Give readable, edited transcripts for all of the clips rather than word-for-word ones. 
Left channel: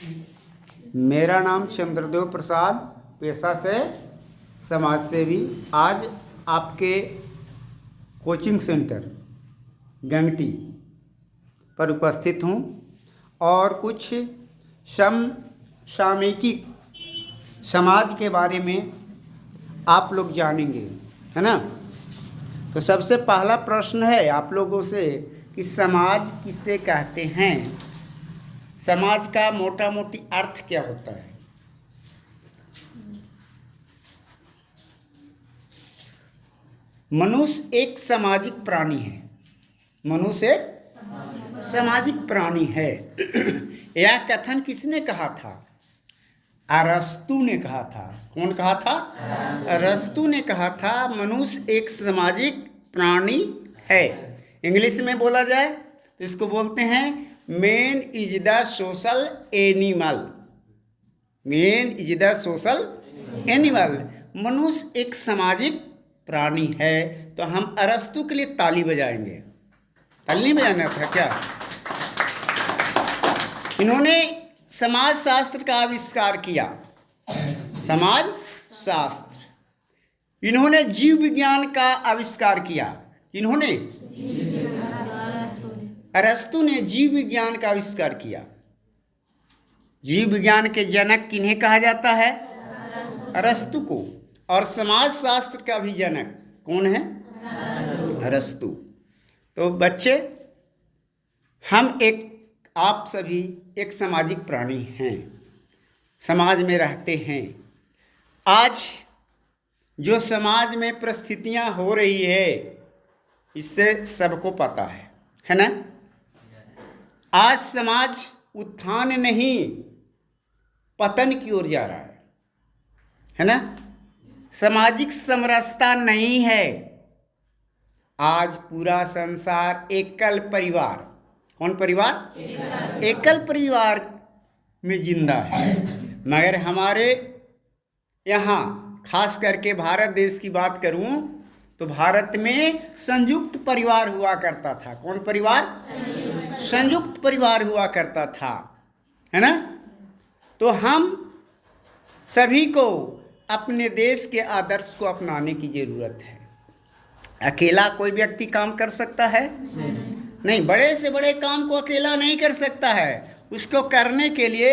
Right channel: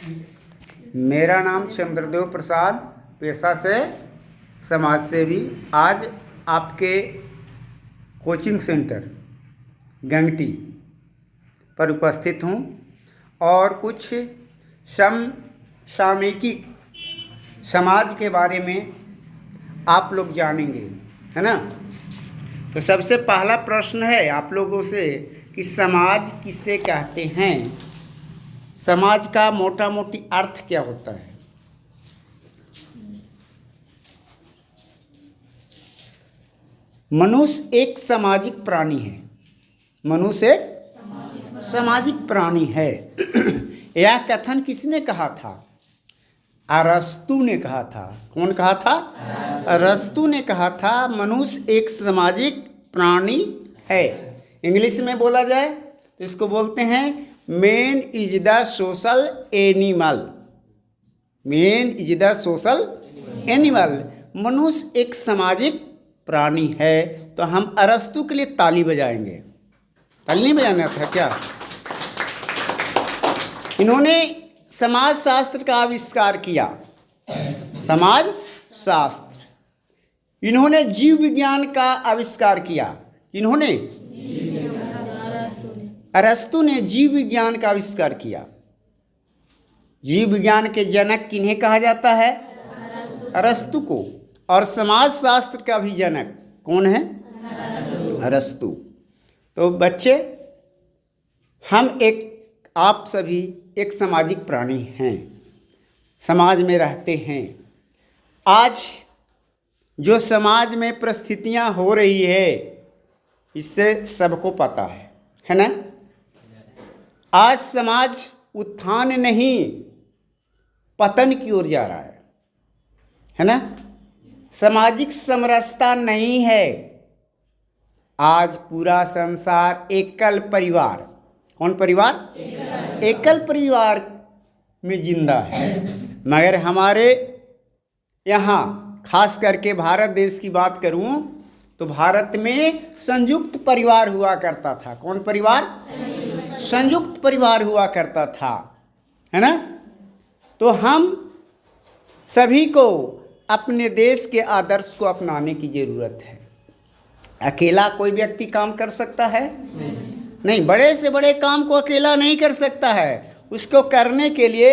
मेरा नाम चंद्रदेव प्रसाद, पेशा से समाज सेवी। आज आपके कोचिंग सेंटर गंगटी पर उपस्थित हूँ और कुछ समसामयिक समाज के बारे में आप लोग जानेंगे, है ना। तो सबसे पहला प्रश्न है आप लोगों से कि समाज किसे कहते हैं। समाज का मोटा मोटी अर्थ क्या होता है। मनुष्य एक सामाजिक प्राणी है। मनुष्य एक सामाजिक प्राणी है। यह कथन किसने कहा था? अरस्तु ने कहा था। कौन कहा था? अरस्तु ने कहा था मनुष्य एक सामाजिक प्राणी है। इंग्लिश में बोला जाए तो इसको बोलते हैं man is the social animal. Man is the social animal. मनुष्य एक सामाजिक प्राणी है। तो हम अरस्तु के लिए ताली बजाएंगे। ताली नहीं बजाना था क्या? इन्होंने समाज शास्त्र का आविष्कार किया। समाज शास्त्र। इन्होंने जीव विज्ञान का आविष्कार किया। इन्होंने अरस्तु ने जीव विज्ञान का आविष्कार किया। जीव विज्ञान के जनक किन्हें कहा जाता है? अरस्तु को। और समाज शास्त्र का भी जनक कौन है? अरस्तु। तो बच्चे, आप सभी एक सामाजिक प्राणी हैं, समाज में रहते हैं। आज जो समाज में परिस्थितियां हो रही है इससे सबको पता है ना। आज समाज उत्थान नहीं पतन की ओर जा रहा है ना। सामाजिक समरसता नहीं है। आज पूरा संसार एकल परिवार, कौन परिवार? एकल परिवार में जिंदा है। मगर हमारे यहाँ खास करके भारत देश की बात करूं तो भारत में संयुक्त परिवार हुआ करता था। कौन परिवार? संयुक्त परिवार हुआ करता था, है ना। तो हम सभी को अपने देश के आदर्श को अपनाने की जरूरत है। अकेला कोई व्यक्ति काम कर सकता है? नहीं। बड़े से बड़े काम को अकेला नहीं कर सकता है। उसको करने के लिए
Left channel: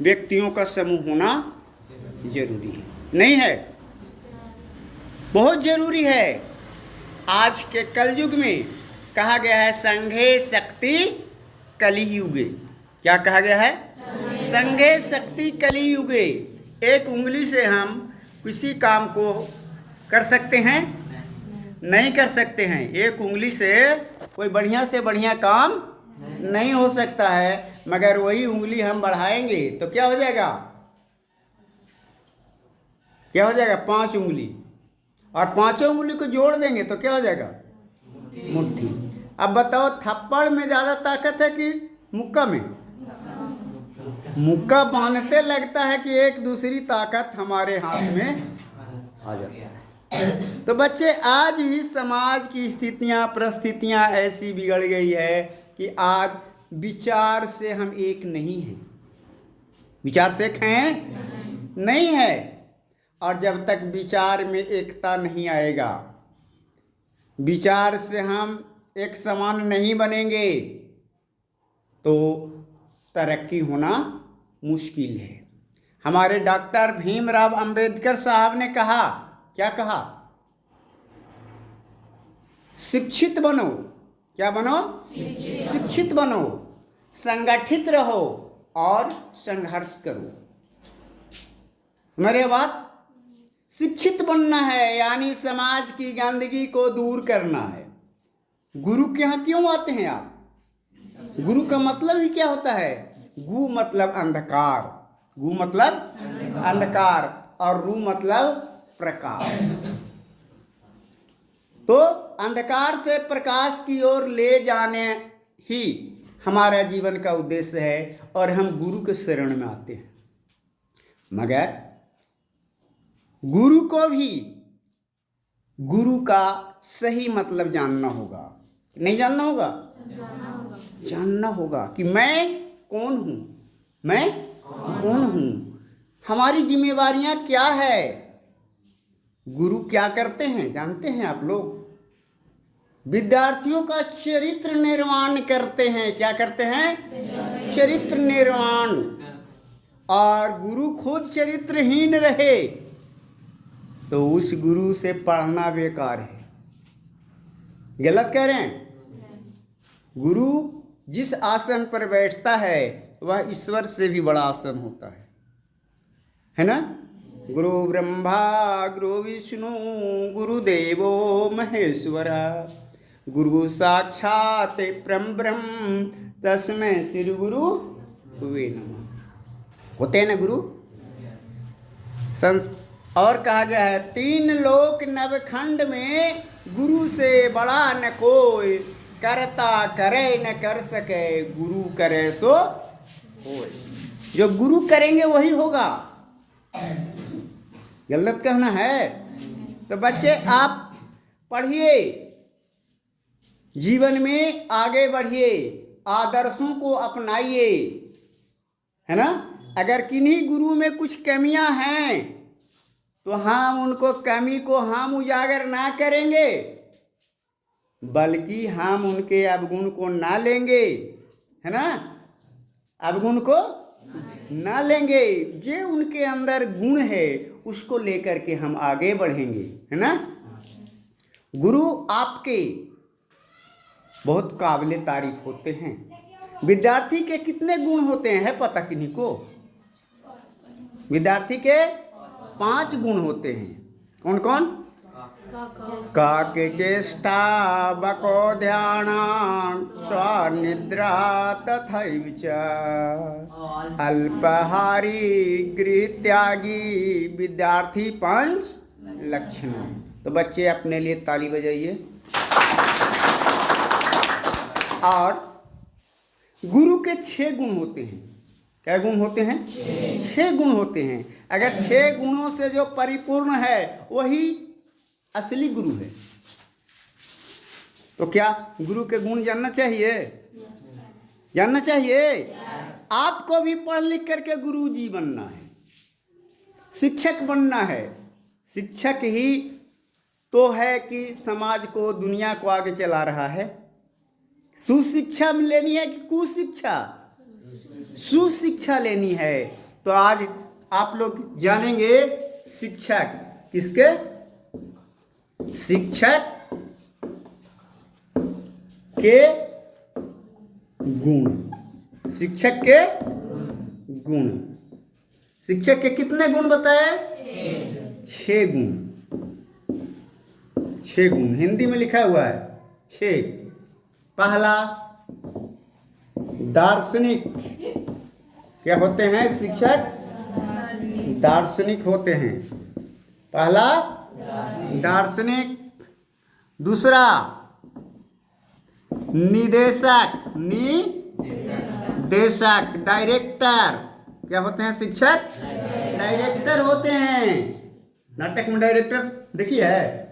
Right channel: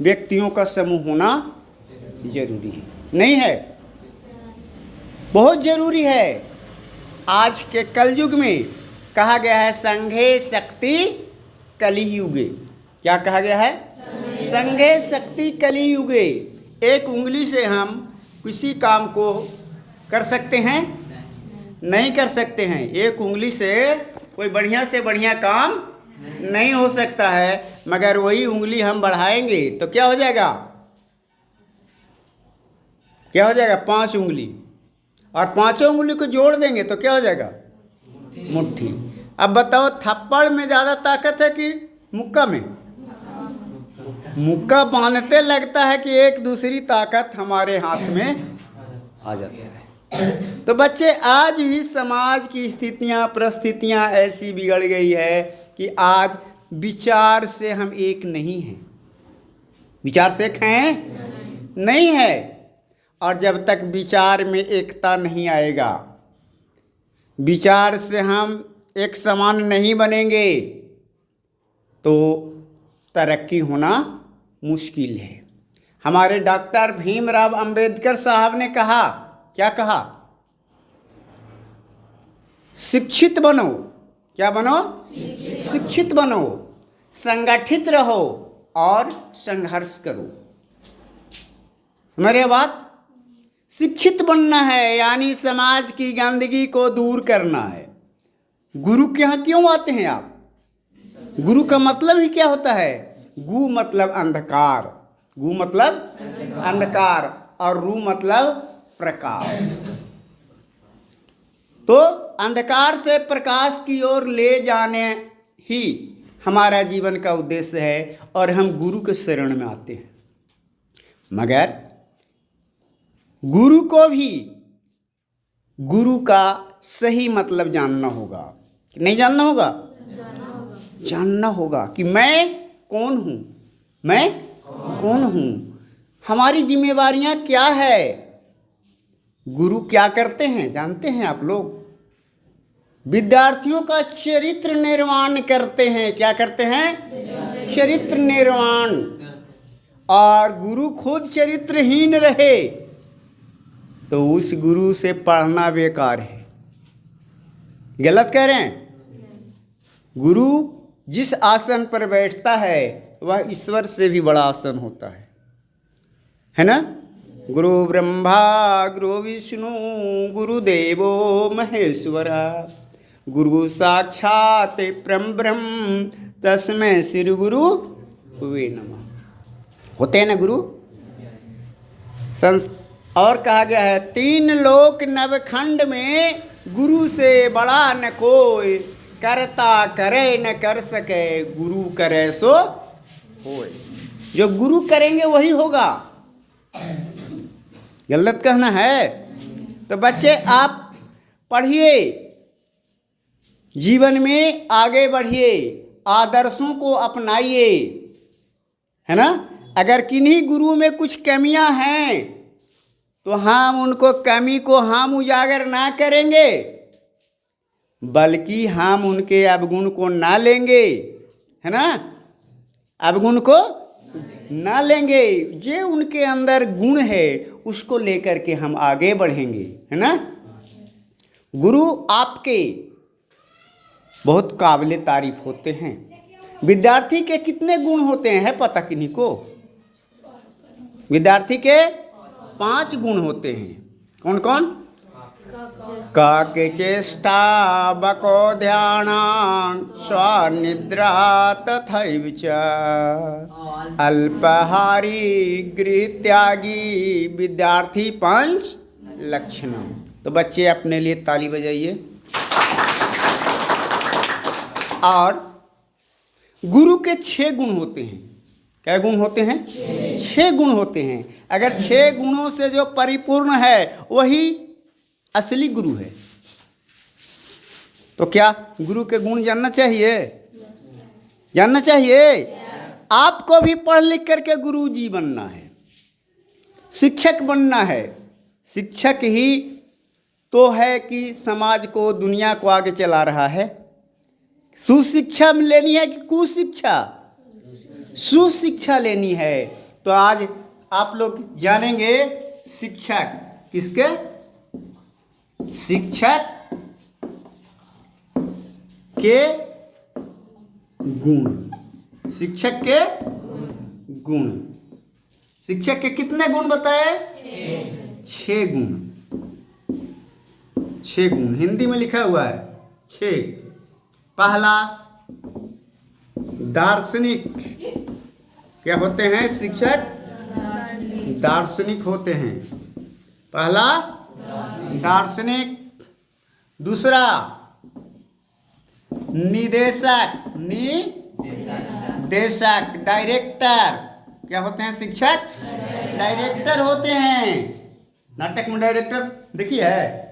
व्यक्तियों का समूह होना जरूरी है, नहीं है? बहुत जरूरी है। आज के कलयुग में कहा गया है संघे शक्ति कलियुगे। क्या कहा गया है? संघे शक्ति कलियुगे। एक उंगली से हम किसी काम को कर सकते हैं? नहीं कर सकते हैं। एक उंगली से कोई बढ़िया से बढ़िया काम नहीं हो सकता है। मगर वही उंगली हम बढ़ाएंगे तो क्या हो जाएगा? क्या हो जाएगा? 5 उंगली। और 5 उंगली को जोड़ देंगे तो क्या हो जाएगा? मुट्ठी। अब बताओ, थप्पड़ में ज़्यादा ताकत है कि मुक्का में? मुक्का बांधते लगता है कि एक दूसरी ताकत हमारे हाथ में आ जाती है। तो बच्चे, आज भी समाज की स्थितियां परिस्थितियां ऐसी बिगड़ गई है कि आज विचार से हम एक नहीं हैं। विचार से एक हैं? नहीं है। और जब तक विचार में एकता नहीं आएगा, विचार से हम एक समान नहीं बनेंगे तो तरक्की होना मुश्किल है। हमारे डॉक्टर भीमराव अंबेडकर साहब ने कहा, क्या कहा? शिक्षित बनो। क्या बनो? शिक्षित बनो, संगठित रहो और संघर्ष करो। मेरे बात, शिक्षित बनना है यानी समाज की गंदगी को दूर करना है। गुरु के यहाँ क्यों आते हैं आप? गुरु का मतलब ही क्या होता है? गु मतलब अंधकार, गु मतलब अंधकार और रू मतलब प्रकाश। तो अंधकार से प्रकाश की ओर ले जाने ही हमारा जीवन का उद्देश्य है और हम गुरु के शरण में आते हैं। मगर गुरु को भी गुरु का सही मतलब जानना होगा। नहीं जानना होगा? जानना होगा कि मैं कौन हूँ, मैं कौन हूँ, हमारी जिम्मेवारियां क्या है। गुरु क्या करते हैं जानते हैं आप लोग? विद्यार्थियों का चरित्र निर्माण करते हैं। क्या करते हैं? चरित्र निर्माण। और गुरु खुद चरित्रहीन रहे तो उस गुरु से पढ़ना बेकार है। गलत कह रहे हैं? गुरु जिस आसन पर बैठता है वह ईश्वर से भी बड़ा आसन होता है ना? गुरु ब्रह्मा गुरु विष्णु गुरुदेवो महेश्वरा गुरु साक्षात परम ब्रह्म तस्मै श्री गुरु वे नमः। होते हैं ना गुरु? और कहा गया है 3 लोक नवखंड में गुरु से बड़ा न कोई, करता करे न कर सके, गुरु करे सो होए। जो गुरु करेंगे वही होगा। गलत कहना है? तो बच्चे आप पढ़िए, जीवन में आगे बढ़िए, आदर्शों को अपनाइए, है ना? अगर किन्हीं गुरु में कुछ कमियां हैं तो हम उनको कमी को हम उजागर ना करेंगे, बल्कि हम उनके अवगुण को ना लेंगे, है ना? अवगुण को ना लेंगे, जो उनके अंदर गुण है उसको लेकर के हम आगे बढ़ेंगे, है ना? गुरु आपके बहुत काबिले तारीफ होते हैं। विद्यार्थी के कितने गुण होते हैं है पता किन्हीं को? विद्यार्थी के 5 गुण होते हैं। कौन कौन? काके चेष्टा बको ध्यान स्वनिद्रा तथैव च अल्पहारी गृह त्यागी विद्यार्थी 5 लक्षण। तो बच्चे अपने लिए ताली बजाइए। और गुरु के 6 गुण होते हैं। क्या गुण होते हैं? 6 गुण होते हैं। अगर 6 गुणों से जो परिपूर्ण है वही असली गुरु है। तो क्या गुरु के गुण जानना चाहिए? जानना चाहिए। आपको भी पढ़ लिख करके गुरु जी बनना है, शिक्षक बनना है। शिक्षक ही तो है कि समाज को, दुनिया को आगे चला रहा है। सुशिक्षा लेनी है कि कुशिक्षा? सुशिक्षा लेनी है। तो आज आप लोग जानेंगे शिक्षक किसके? शिक्षक के गुण। शिक्षक के गुण। शिक्षक के कितने गुण बताए? 6 गुण। 6 गुण हिंदी में लिखा हुआ है 6। पहला दार्शनिक। क्या होते हैं शिक्षक? दार्शनिक होते हैं। पहला दार्शनिक। दूसरा निदेशक। निदेशक डायरेक्टर। क्या होते हैं शिक्षक? डायरेक्टर होते हैं। नाटक में डायरेक्टर देखिए है।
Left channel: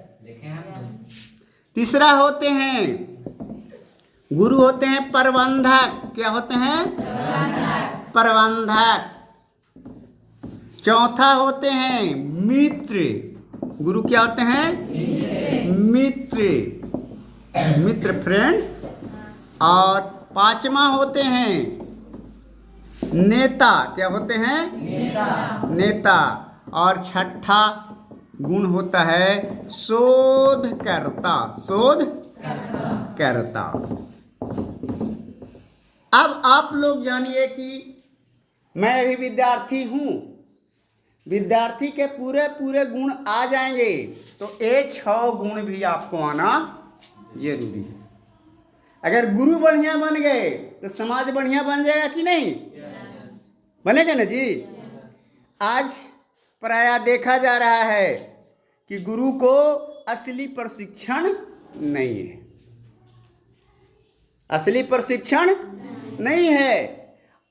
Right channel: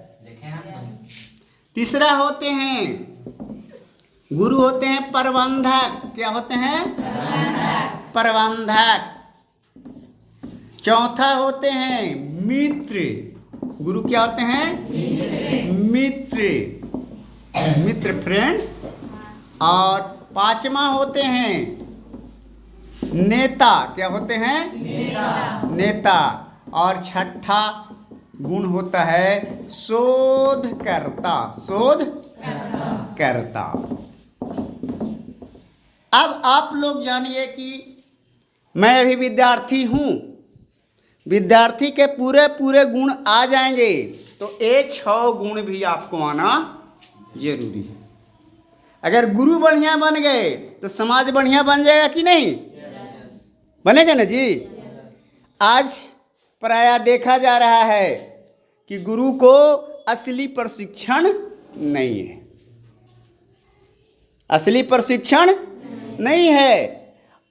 तीसरा होते हैं गुरु होते हैं प्रबंधक। क्या होते हैं? प्रबंधक। चौथा होते हैं मित्र। गुरु क्या होते हैं? मित्र। मित्र फ्रेंड। और 5वां होते हैं नेता। क्या होते हैं? नेता। और 6ठा गुण होता है शोधकर्ता। शोधकर्ता। अब आप लोग जानिए कि मैं अभी विद्यार्थी हूँ। विद्यार्थी के पूरे पूरे गुण आ जाएंगे तो ये 6 गुण भी आपको आना जरूरी है। अगर गुरु बढ़िया बन गए तो समाज बढ़िया बन जाएगा कि नहीं? बनेगा ना जी? आज प्रायः देखा जा रहा है कि गुरु को असली प्रशिक्षण नहीं है। असली प्रशिक्षण नहीं है।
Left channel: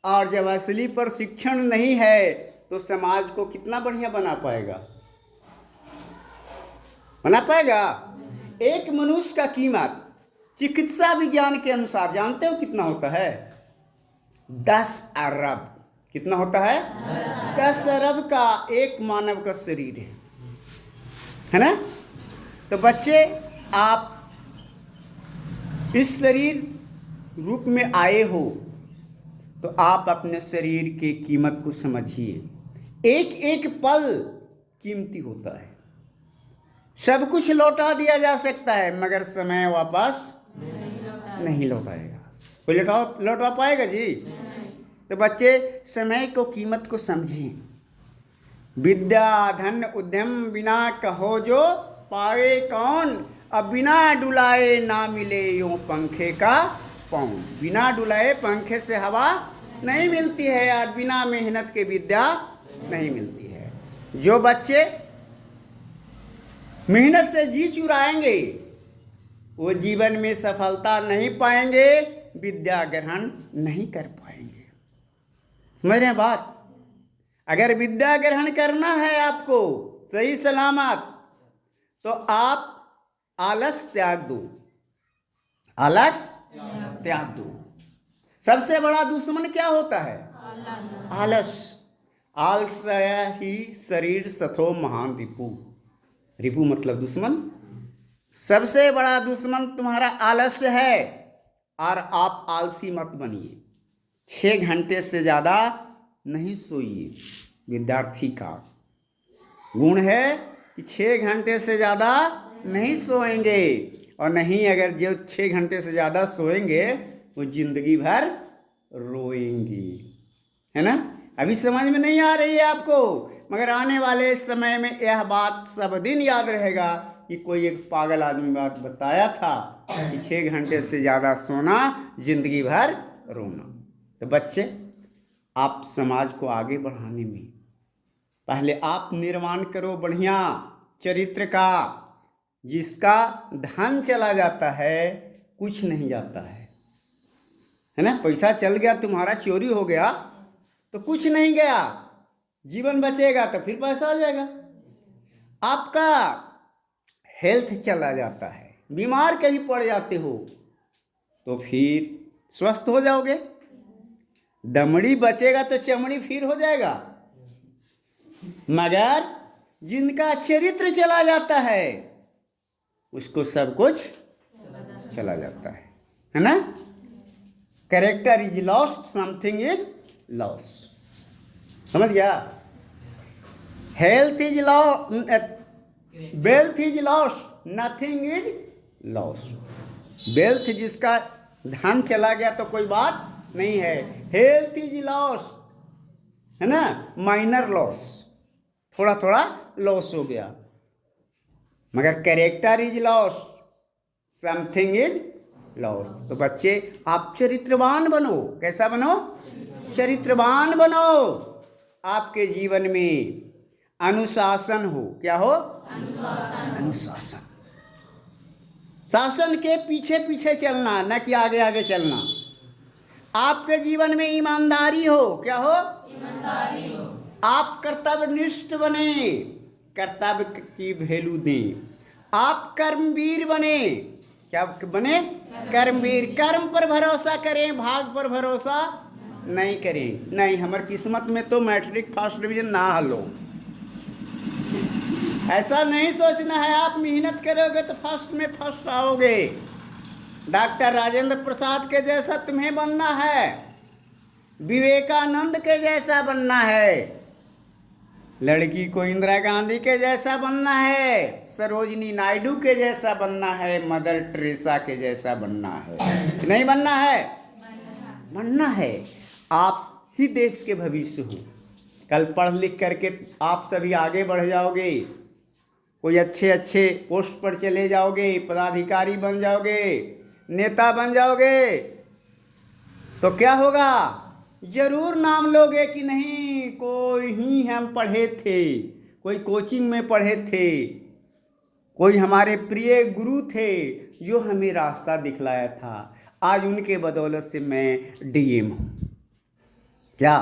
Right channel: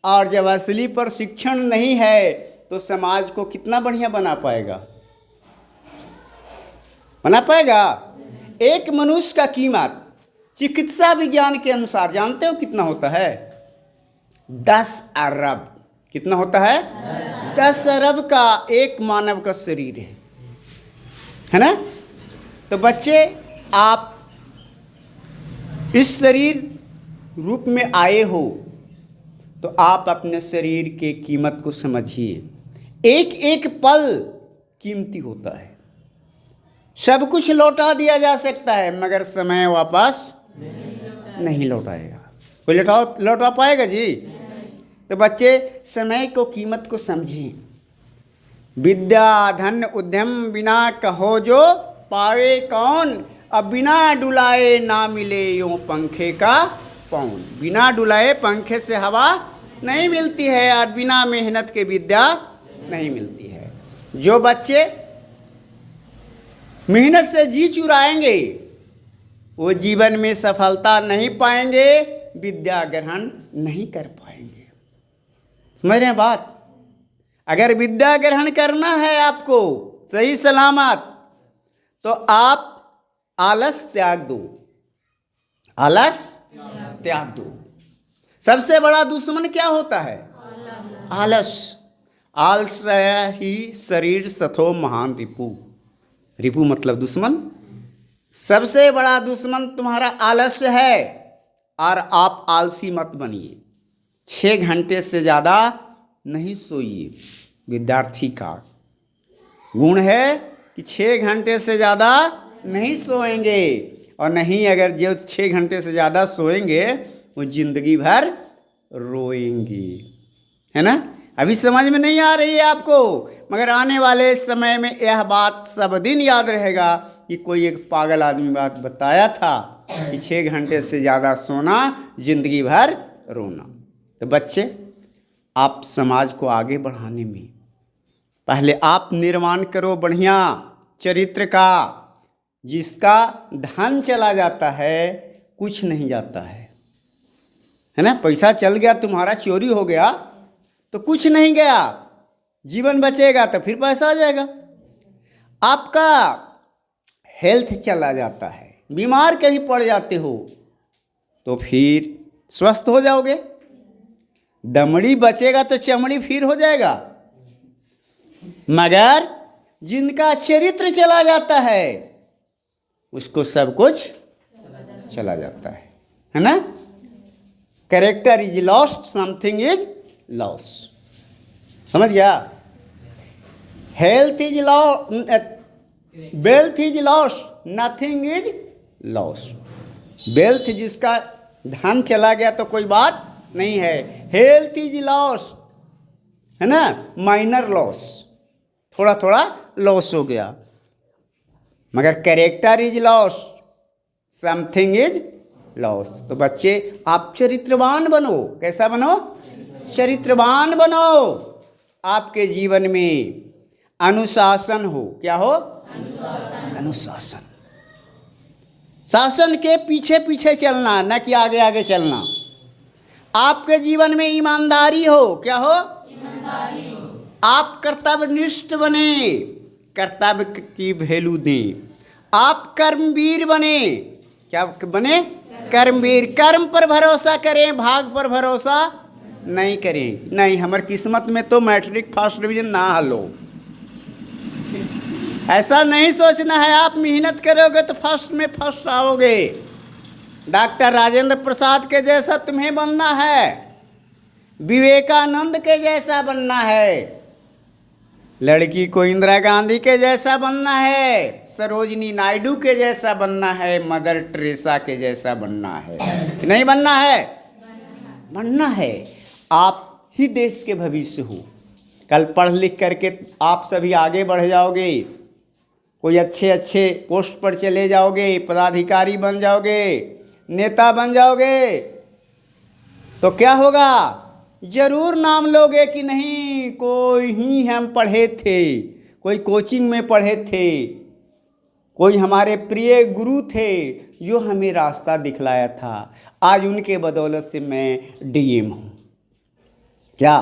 और जब असली प्रशिक्षण नहीं है तो समाज को कितना बढ़िया बना पाएगा? बना पाएगा? एक मनुष्य का कीमत चिकित्सा विज्ञान के अनुसार जानते हो कितना होता है? 10 अरब। कितना होता है? 10 अरब का एक मानव का शरीर है ना। तो बच्चे, आप इस शरीर रूप में आए हो तो आप अपने शरीर के कीमत को समझिए। एक एक पल कीमती होता है। सब कुछ लौटा दिया जा सकता है मगर समय वापस नहीं लौटाएगा। कोई लौटा पाएगा जी? तो बच्चे, समय को कीमत को समझिए। विद्या धन उद्यम बिना कहो जो पावे कौन, अब बिना डुलाए ना मिले यूं पंखे का पौन। बिना डुलाए पंखे से हवा नहीं मिलती है और बिना मेहनत के विद्या नहीं मिलती है। जो बच्चे मेहनत से जी चुराएंगे वो जीवन में सफलता नहीं पाएंगे, विद्या ग्रहण नहीं कर पाएंगे। समझ रहे हैं बात? अगर विद्या ग्रहण करना है आपको सही सलामत, तो आप आलस त्याग दो। आलस त्याग दो। सबसे बड़ा दुश्मन क्या होता है? आलस। आलस ही शरीर सथो महान रिपु। रिपु मतलब दुश्मन। सबसे बड़ा दुश्मन तुम्हारा आलस्य है और आप आलसी मत बनिए। 6 घंटे से ज़्यादा नहीं सोइए। विद्यार्थी का गुण है कि 6 घंटे से ज़्यादा नहीं सोएंगे, और नहीं, अगर जो 6 घंटे से ज़्यादा सोएंगे वो जिंदगी भर रोएंगे, है ना। अभी समझ में नहीं आ रही है आपको, मगर आने वाले समय में यह बात सब दिन याद रहेगा कि कोई एक पागल आदमी बात बताया था कि 6 घंटे से ज़्यादा सोना जिंदगी भर रोना। तो बच्चे, आप समाज को आगे बढ़ाने में पहले आप निर्माण करो बढ़िया चरित्र का। जिसका धन चला जाता है कुछ नहीं जाता है ना। पैसा चल गया तुम्हारा, चोरी हो गया तो कुछ नहीं गया, जीवन बचेगा तो फिर पैसा आ जाएगा। आपका हेल्थ चला जाता है, बीमार कहीं पड़ जाते हो तो फिर स्वस्थ हो जाओगे। दमड़ी बचेगा तो चमड़ी फिर हो जाएगा, मगर जिनका चरित्र चला जाता है उसको सब कुछ चला जाता है ना। Character is lost, something is loss. समझ गया? Health is loss, wealth is loss, nothing is loss. Wealth, जिसका धन चला गया तो कोई बात नहीं है। हेल्थ इज लॉस, है ना, माइनर लॉस, थोड़ा थोड़ा लॉस हो गया। मगर character is loss, something is loss. तो बच्चे, आप चरित्रवान बनो। कैसा बनो? चरित्रवान बनो। आपके जीवन में अनुशासन हो। क्या हो? अनुशासन। शासन के पीछे पीछे चलना, न कि आगे आगे चलना। आपके जीवन में ईमानदारी हो। क्या हो? ईमानदारी हो। आप कर्तव्यनिष्ठ बने, कर्तव्य की वैल्यू दें। आप कर्मवीर बने। क्या बने? कर्मवीर। कर्म पर भरोसा करें, भाग पर भरोसा नहीं करें। नहीं, हमारी किस्मत में तो मैट्रिक फर्स्ट डिवीजन ना हलो, ऐसा नहीं सोचना है। आप मेहनत करोगे तो फर्स्ट में फर्स्ट आओगे। डॉक्टर राजेंद्र प्रसाद के जैसा तुम्हें बनना है, विवेकानंद के जैसा बनना है, लड़की को इंदिरा गांधी के जैसा बनना है, सरोजिनी नायडू के जैसा बनना है, मदर टेरेसा के जैसा बनना है। नहीं बनना है? बनना है। आप ही देश के भविष्य हो। कल पढ़ लिख करके आप सभी आगे बढ़ जाओगे, कोई अच्छे अच्छे पोस्ट पर चले जाओगे, पदाधिकारी बन जाओगे, नेता बन जाओगे, तो क्या होगा? जरूर नाम लोगे कि नहीं, कोई ही हम पढ़े थे, कोई कोचिंग में पढ़े थे, कोई हमारे प्रिय गुरु थे जो हमें रास्ता दिखलाया था। आज उनके बदौलत से मैं डीएम हूँ। क्या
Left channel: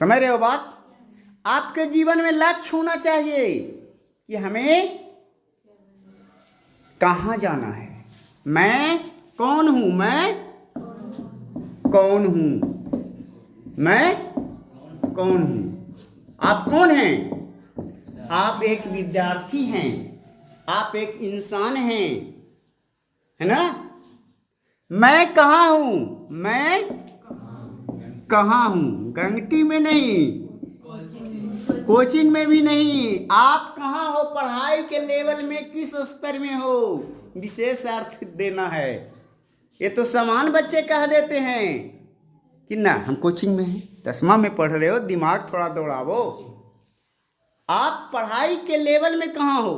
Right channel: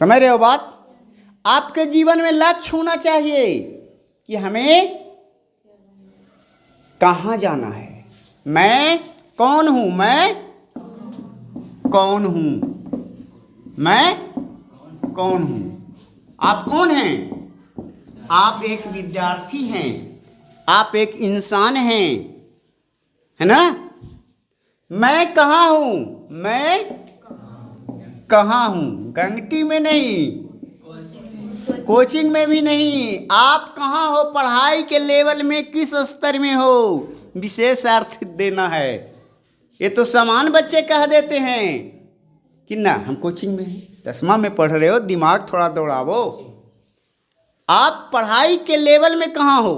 समझ रहे हो बात? आपके जीवन में लक्ष्य होना चाहिए कि हमें कहाँ जाना है। मैं कौन हूँ? मैं कौन हूँ? मैं कौन हूँ? आप कौन हैं? आप एक विद्यार्थी हैं, आप एक इंसान हैं, है ना? मैं कहाँ हूँ? मैं कहाँ हूँ? गंगटी में नहीं, कोचिंग में भी नहीं। आप कहाँ हो? पढ़ाई के लेवल में किस स्तर में हो? विशेष अर्थ देना है। ये तो समान बच्चे कह देते हैं कि ना हम कोचिंग में हैं, 10वां में पढ़ रहे हो, दिमाग थोड़ा दौड़ावो। आप पढ़ाई के लेवल में कहाँ हो?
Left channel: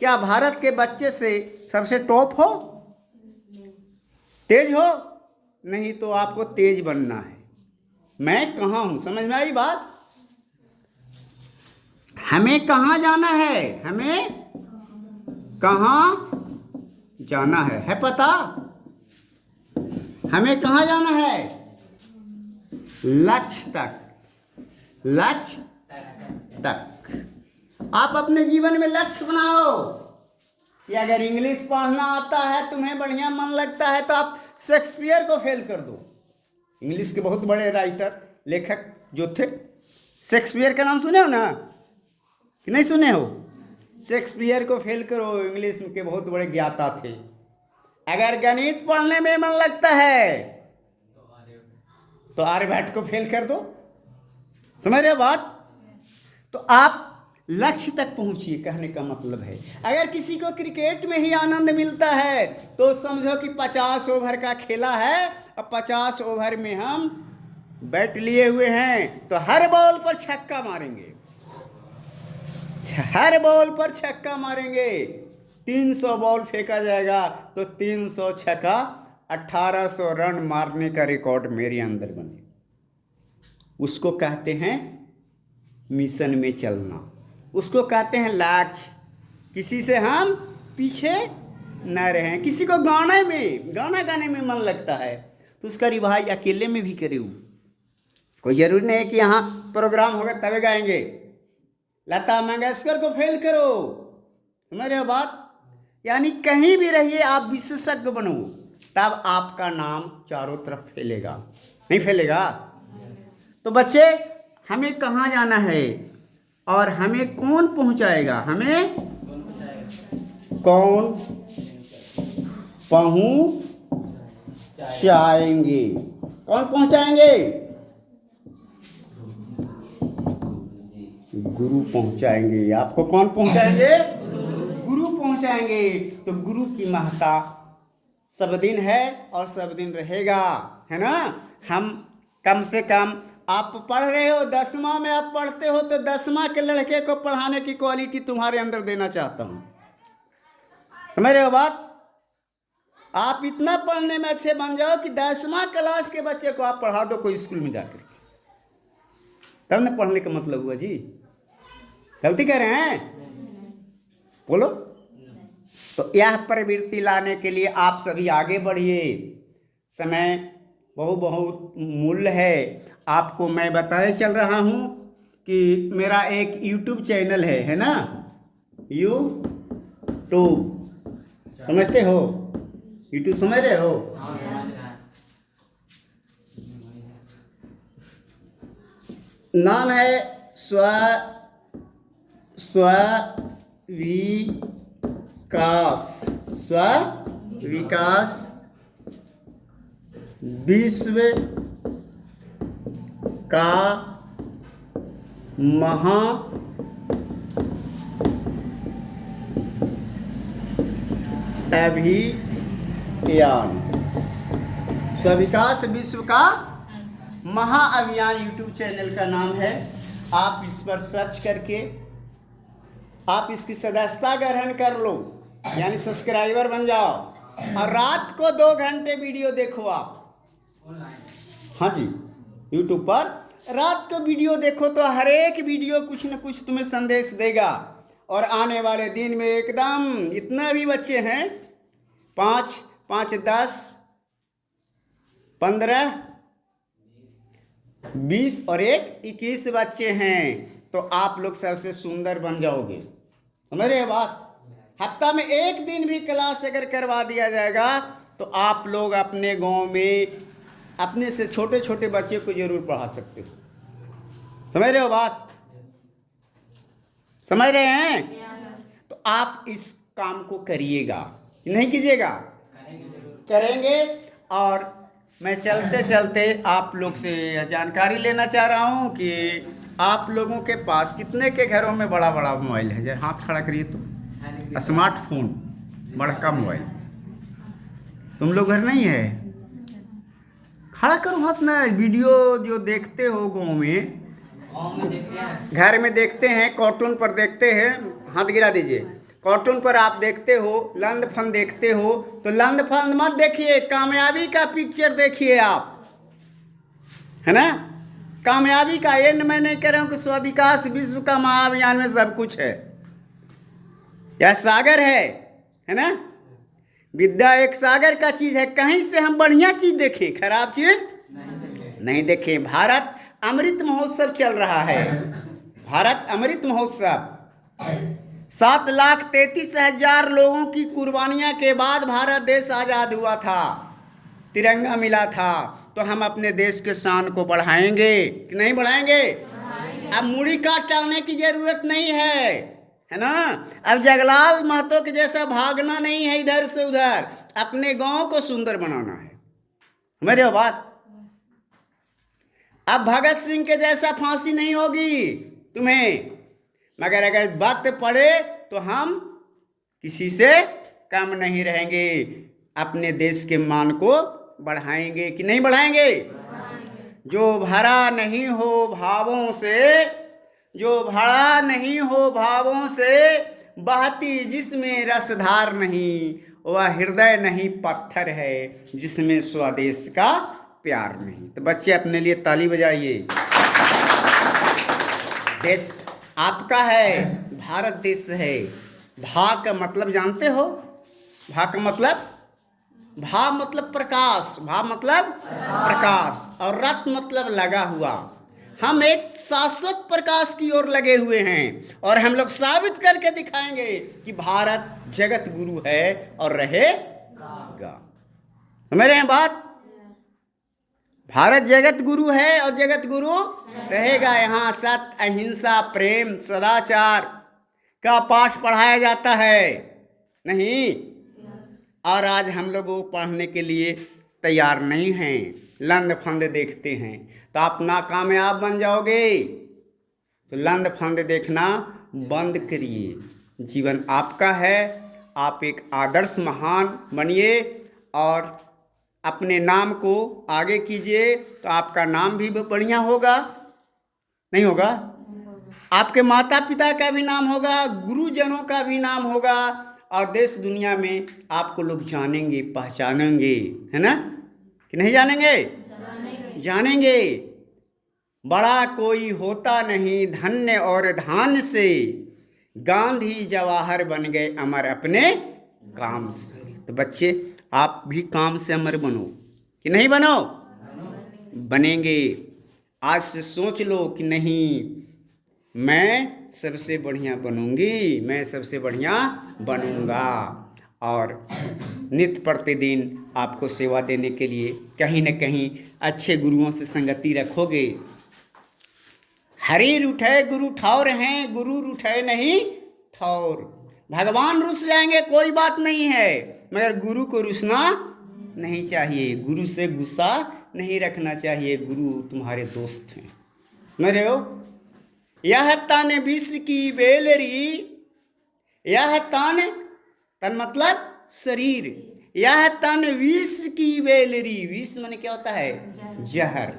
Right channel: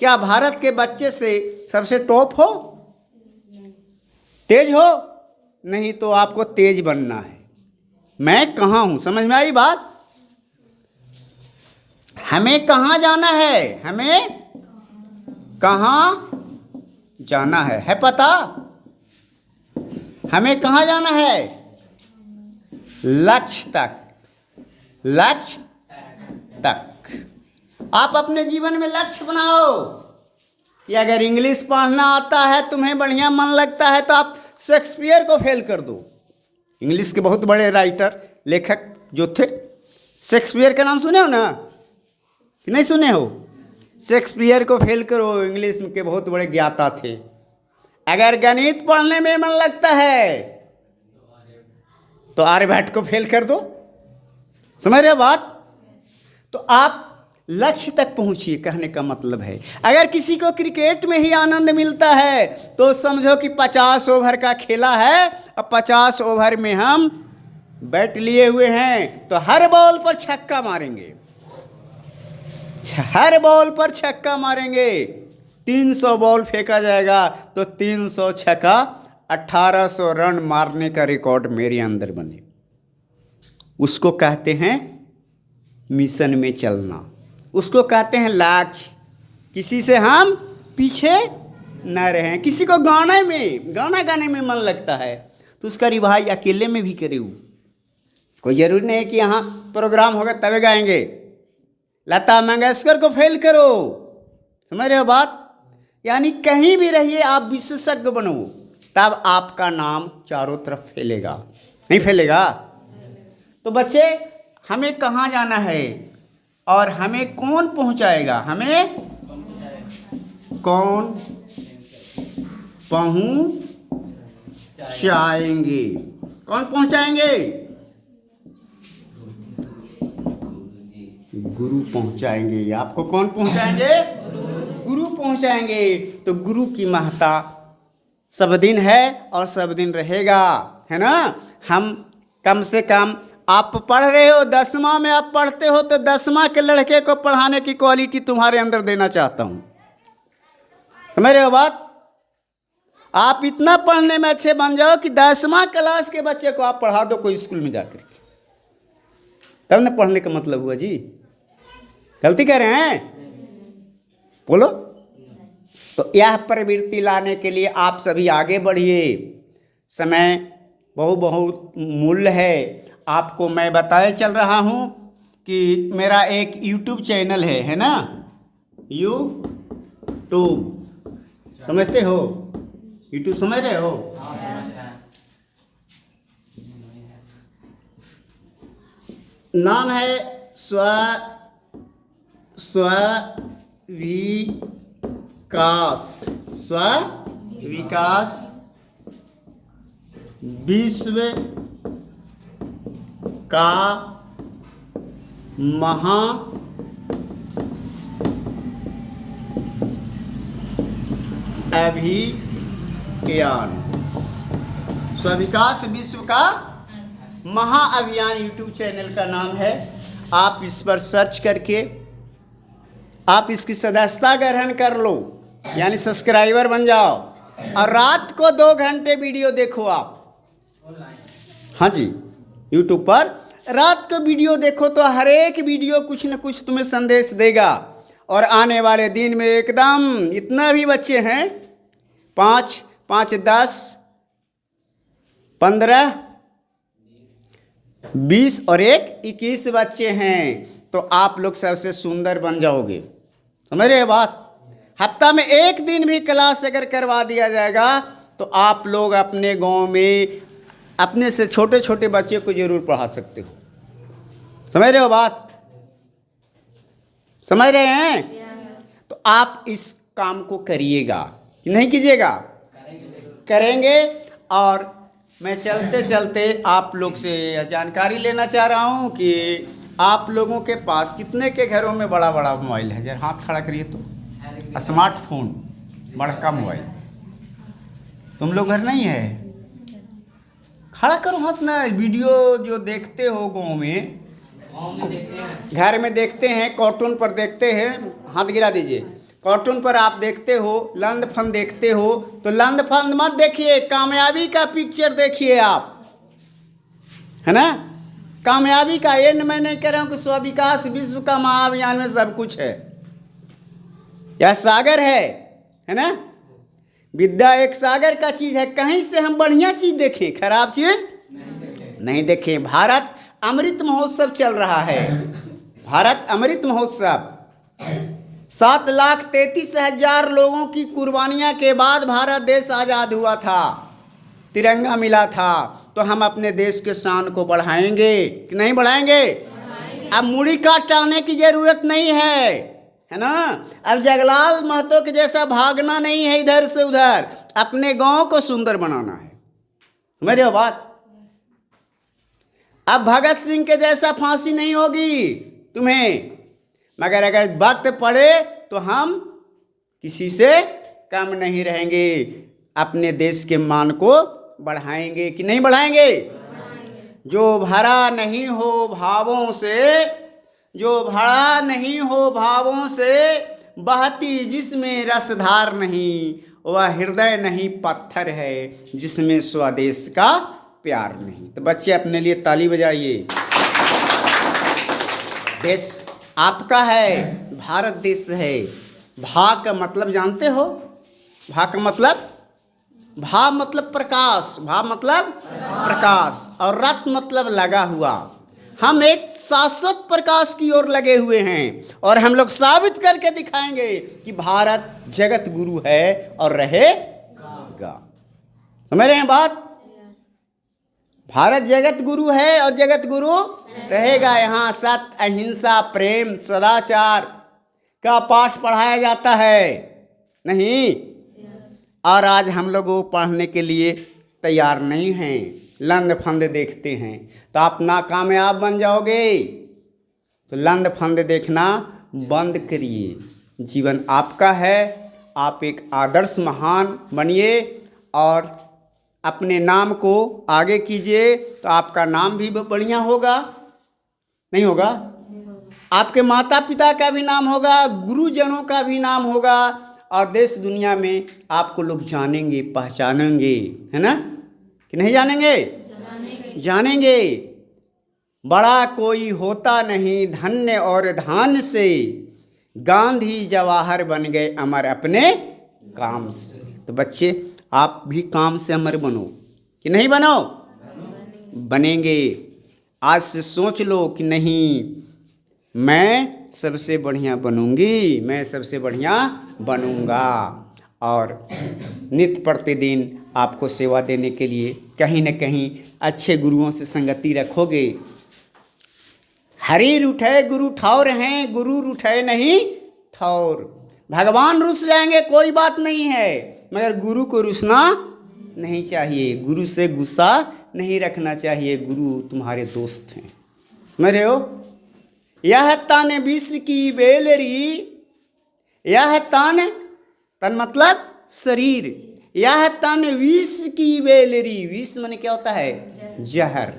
क्या भारत के बच्चे से सबसे टॉप हो? तेज हो? नहीं, तो आपको तेज बनना है। मैं कहाँ हूँ, समझ में आई बात? हमें कहाँ जाना है? हमें कहाँ जाना है पता? हमें कहाँ जाना है? लक्ष्य तक, लक्ष्य तक। आप अपने जीवन में लक्ष्य बनाओ। कि अगर इंग्लिश पढ़ना आता है, तुम्हें बढ़िया मन लगता है, तो आप शेक्सपियर को फेल कर दो। इंग्लिश के बहुत बड़े राइटर, लेखक जो थे, शेक्सपियर का नाम सुने हो ना कि नहीं सुने हो? शेक्सपियर को फेल करो, इंग्लिश के बहुत बड़े ज्ञाता थे। अगर गणित पढ़ने में मन लगता है तो आर्यभट्ट को फेल कर दो। समझ रहे हो बात? तो आप लक्ष्य तक पहुंचिए, कहने का मतलब है। अगर किसी को क्रिकेट में ही आनंद मिलता है तो समझो कि 50 ओवर का खेला है और 50 ओवर में हम बैट लिए हुए हैं, तो हर बॉल पर छक्का मारेंगे, हर बॉल पर छक्का मारेंगे। 300 बॉल फेंका जाएगा तो 300 छक्का, 1800 रन मारने का रिकॉर्ड मेरे अंदर बने। उसको कहते हैं मिशन में चलना, उसको कहते हैं लक्ष्य। किसी से हम पीछे न रहें। किसी को गाना गाने में मन लगता है तो उसका रिवाज अकेले में भी करे। कोई जरूरी नहीं है कि यहाँ प्रोग्राम होगा तभी गाएंगे। लता मंगेशकर को फेल करो। समझ रहे हो बात? यानी कहीं भी रहिए, आप विशेषज्ञ बनो, तब आपका नाम चारों तरफ फैलेगा। नहीं फैलेगा? तो बच्चे, हमें कहाँ जाना है और हमें कौन पहुँचाएगा? हमें कौन पहुँचाएंगे? कौन पहुँचाएंगे? गुरु पहुँचाएंगे। आपको कौन पहुँचाएंगे? गुरु पहुँचाएंगे। तो गुरु की महत्ता सब दिन है और सब दिन रहेगा, है ना? हम कम से कम, आप पढ़ रहे हो 10वां में, आप पढ़ते हो तो 10वां के लड़के को पढ़ाने की क्वालिटी तुम्हारे अंदर देना चाहता हूँ। समझ रहे हो बात? आप इतना पढ़ने में अच्छे बन जाओ कि 10वां क्लास के बच्चे को आप पढ़ा दो कोई स्कूल में जाकर, तब ना पढ़ने का मतलब हुआ जी। गलती कर रहे हैं? बोलो। तो यह प्रवृत्ति लाने के लिए आप सभी आगे बढ़िए। समय बहुत मूल्य है। आपको मैं बताए चल रहा हूँ कि मेरा एक यूट्यूब चैनल है ना? यूट्यूब समझते हो? यूट्यूब समझ रहे हो? नाम है स्व-विकास विश्व का महा अभियान। स्व-विकास विश्व का महाअभियान यूट्यूब चैनल का नाम है। आप इस पर सर्च करके आप इसकी सदस्यता ग्रहण कर लो, यानी सब्सक्राइबर बन जाओ, और रात को 2 घंटे वीडियो देखो आप। हाँ जी, यूट्यूब पर रात को वीडियो देखो तो हर एक वीडियो कुछ न कुछ तुम्हें संदेश देगा। और आने वाले दिन में एकदम इतना भी बच्चे हैं, 5, 10, 15, 20 और 21 बच्चे हैं, तो आप लोग सबसे सुंदर बन जाओगे। समझ रहे बात? हफ्ता में 1 दिन भी क्लास अगर करवा दिया जाएगा तो आप लोग अपने गांव में अपने से छोटे छोटे बच्चे को जरूर पढ़ा सकते हो। समझ रहे हो बात? समझ रहे हैं? तो आप इस काम को करिएगा कि नहीं कीजिएगा? करेंगे। और मैं चलते चलते आप लोग से यह जानकारी लेना चाह रहा हूँ कि आप लोगों के पास कितने के घरों में बड़ा बड़ा मोबाइल है? जरा हाथ खड़ा करिए तो। स्मार्टफोन, बड़ा मोबाइल तुम लोग घर नहीं है? खड़ा करो हाथ ना। वीडियो जो देखते हो गाँव में, घर में देखते हैं, कार्टून पर देखते हैं, हाथ गिरा दीजिए। कार्टून पर आप देखते हो, लंद फंद देखते हो, तो लंद फंद मत देखिए, कामयाबी का पिक्चर देखिए आप, है ना? कामयाबी का। ये मैं नहीं कह रहा हूँ कि स्व विकास विश्व का महाअभियान में सब कुछ है। यह सागर है ना? विद्या एक सागर का चीज है। कहीं से हम बढ़िया चीज देखें, खराब चीज नहीं देखें। भारत अमृत महोत्सव चल रहा है। भारत अमृत महोत्सव 7,33,000 लोगों की कुर्बानियां के बाद भारत देश आजाद हुआ था, तिरंगा मिला था। तो हम अपने देश के शान को बढ़ाएंगे कि नहीं बढ़ाएंगे? अब मुड़ी काटने की जरूरत नहीं है ना? अब जगलाल महतो के जैसा भागना नहीं है इधर से उधर, अपने गांव को सुंदर बनाना है। समझ रहे हो बात? अब भगत सिंह के जैसा फांसी नहीं होगी तुम्हें, मगर अगर वक्त पड़े तो हम किसी से कम नहीं रहेंगे, अपने देश के मान को बढ़ाएंगे कि नहीं बढ़ाएंगे? जो भरा नहीं हो भावों से, जो भरा नहीं हो भावों से, बहती जिसमें रसधार नहीं, वह हृदय नहीं पत्थर है जिसमें स्वदेश का प्यार नहीं। तो बच्चे अपने लिए ताली बजाइए। देश आपका है, भारत देश है। भा का मतलब जानते हो? भा का मतलब, भा मतलब प्रकाश, भा मतलब प्रकाश, और रत मतलब लगा हुआ। हम एक शाश्वत प्रकाश की ओर लगे हुए हैं, और हम लोग साबित करके दिखाएंगे कि भारत जगत गुरु है और रहेगा। समझ रहे हैं बात? भारत जगत गुरु है और जगत गुरु रहेगा। यहाँ सत्य, अहिंसा, प्रेम, सदाचार का पाठ पढ़ाया जाता है नहीं? और आज हम लोग वो पढ़ने के लिए तैयार नहीं हैं, लंद फंद देखते हैं। तो आप नाकामयाब बन जाओगे। तो लंद फंद देखना बंद करिए। जीवन आपका है, आप एक आदर्श महान बनिए और अपने नाम को आगे कीजिए। तो आपका नाम भी बढ़िया होगा, नहीं होगा? आपके माता पिता का भी नाम होगा, गुरुजनों का भी नाम होगा, और देश दुनिया में आपको लोग जानेंगे, पहचानेंगे, है ना? कि नहीं जानेंगे? जानेंगे। बड़ा कोई होता नहीं धन्य और धान से, गांधी जवाहर बन गए अमर अपने काम से। तो बच्चे आप भी काम से अमर बनो कि नहीं बनो? बनेंगे। आज से सोच लो कि नहीं, मैं सबसे बढ़िया बनूंगी, मैं सबसे बढ़िया बनूंगा। और नित्य प्रतिदिन आपको सेवा देने के लिए कहीं न कहीं अच्छे गुरुओं से संगति रखोगे। हरि रुठे गुरु ठौर हैं, गुरु रुठे नहीं ठौर। भगवान रुस जाएंगे कोई बात नहीं है, मगर गुरु को रुसना नहीं चाहिए, गुरु से गुस्सा नहीं रखना चाहिए। गुरु तुम्हारे दोस्त हैं। समझ रहे हो? यह तन विष की बेलरी, यह तन, तन मतलब शरीर, यह तन विष की बेलरी। विष माने क्या होता है? जहर।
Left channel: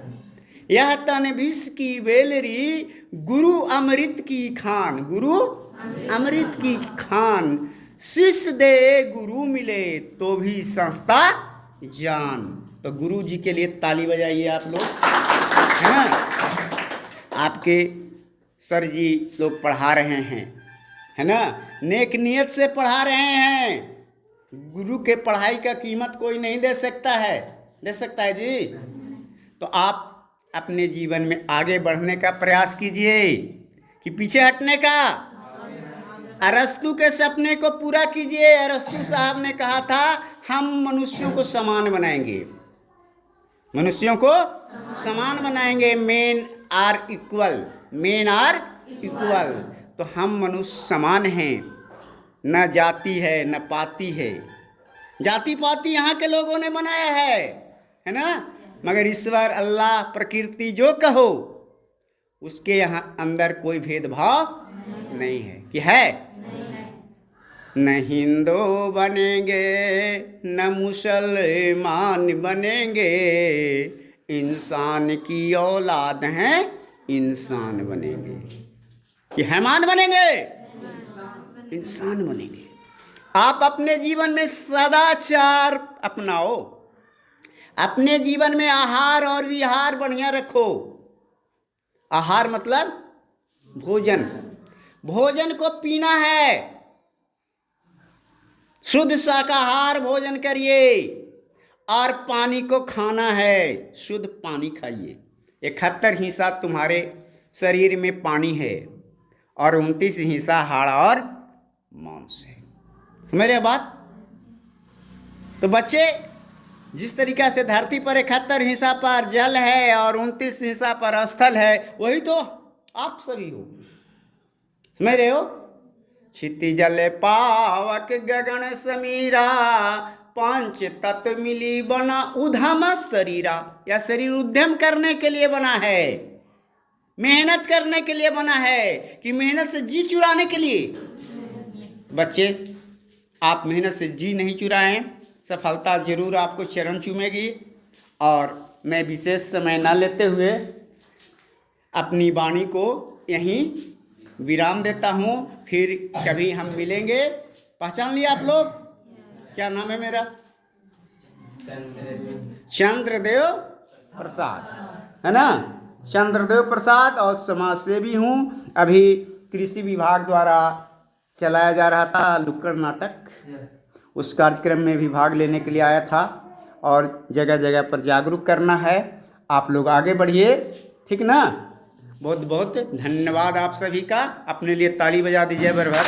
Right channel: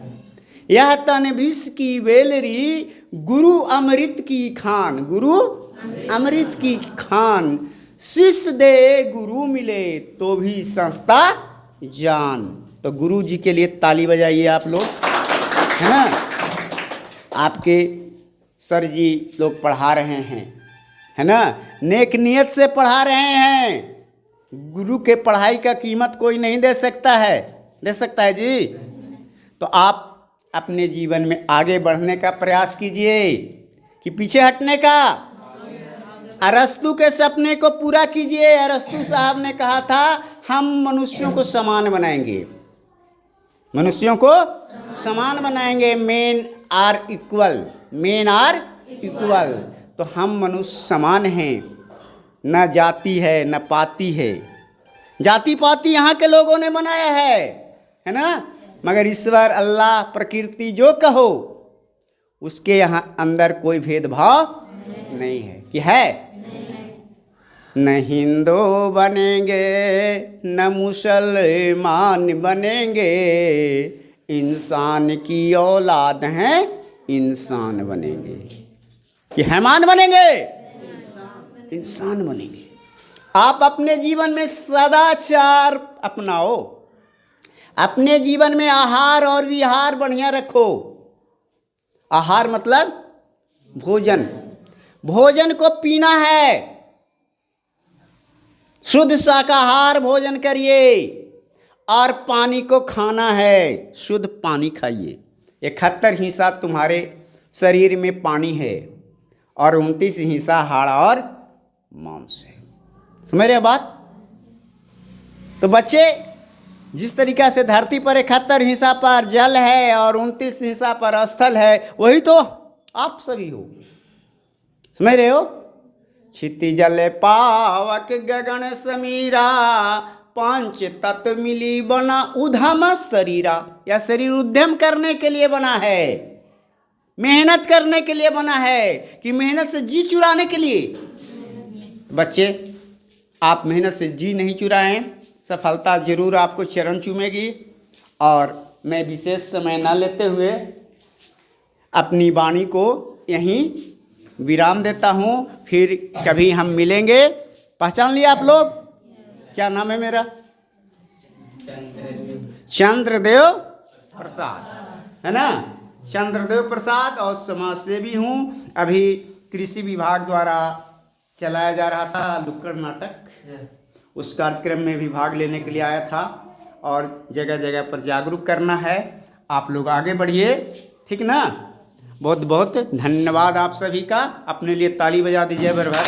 यह तन विष की बेलरी, गुरु अमृत की खान, गुरु अमृत की खान। शिष्य दे गुरु मिले तो भी संस्था जान। तो गुरु जी के लिए ताली बजाइए आप लोग, है ना? आपके सर जी लोग पढ़ा रहे हैं, है ना? नेक नियत से पढ़ा रहे हैं। गुरु के पढ़ाई का कीमत कोई नहीं दे सकता है। दे सकता है जी? तो आप अपने जीवन में आगे बढ़ने का प्रयास कीजिए कि पीछे हटने का। अरस्तु के सपने को पूरा कीजिए। अरस्तु साहब ने कहा था हम मनुष्यों को समान बनाएंगे। मनुष्यों को समान बनाएंगे। Men are equal, men are equal. तो हम मनुष्य समान हैं, न जाति है न पाति है। जाति पाति यहाँ के लोगों ने बनाया है ना, मगर ईश्वर, अल्लाह, प्रकृति जो कहो, उसके यहाँ अंदर कोई भेदभाव नहीं है। कि है? न हिंदू बनेंगे न मुसलमान बनेंगे, इंसान की औलाद हैं, इंसान बनेंगे। कि हैमान बनेंगे, इंसान बनेंगे। आप अपने जीवन में सदाचार अपनाओ, अपने जीवन में आहार और विहार बढ़िया रखो। आहार मतलब भोजन, भोजन को पीना है, शुद्ध शाकाहार भोजन करिए। और पानी को खाना है, शुद्ध पानी खाइए। 71 हिस्सा तुम्हारे शरीर में पानी है और 29 हिस्सा हाड़ और मांस है। समझ रहे बात? तो बच्चे, जिस तरीका से धरती पर 71 हिस्सा पर जल है और 29 हिस्सा पर स्थल है, वही तो आप सभी हो। समझ रहे हो? क्षिति जल पावक गगन समीरा, पांच तत्व मिली बना उधम शरीरा। यह शरीर उद्यम करने के लिए बना है, मेहनत करने के लिए बना है। कि मेहनत से जी चुराने के लिए? बच्चे, आप मेहनत से जी नहीं चुराएं, सफलता जरूर आपको चरण चूमेगी। और मैं विशेष समय न लेते हुए अपनी वाणी को यहीं विराम देता हूँ। फिर कभी हम मिलेंगे। पहचान लिया आप लोग? क्या नाम है मेरा? चंद्रदेव प्रसाद, है ना? चंद्रदेव प्रसाद। और समाज सेवी हूँ। अभी कृषि विभाग द्वारा चलाया जा रहा था नुक्कड़ नाटक, उस कार्यक्रम में भी भाग लेने के लिए आया था। और जगह जगह पर जागरूक करना है। आप लोग आगे बढ़िए, ठीक ना? बहुत बहुत धन्यवाद आप सभी का। अपने लिए ताली बजा दीजिए भर भर।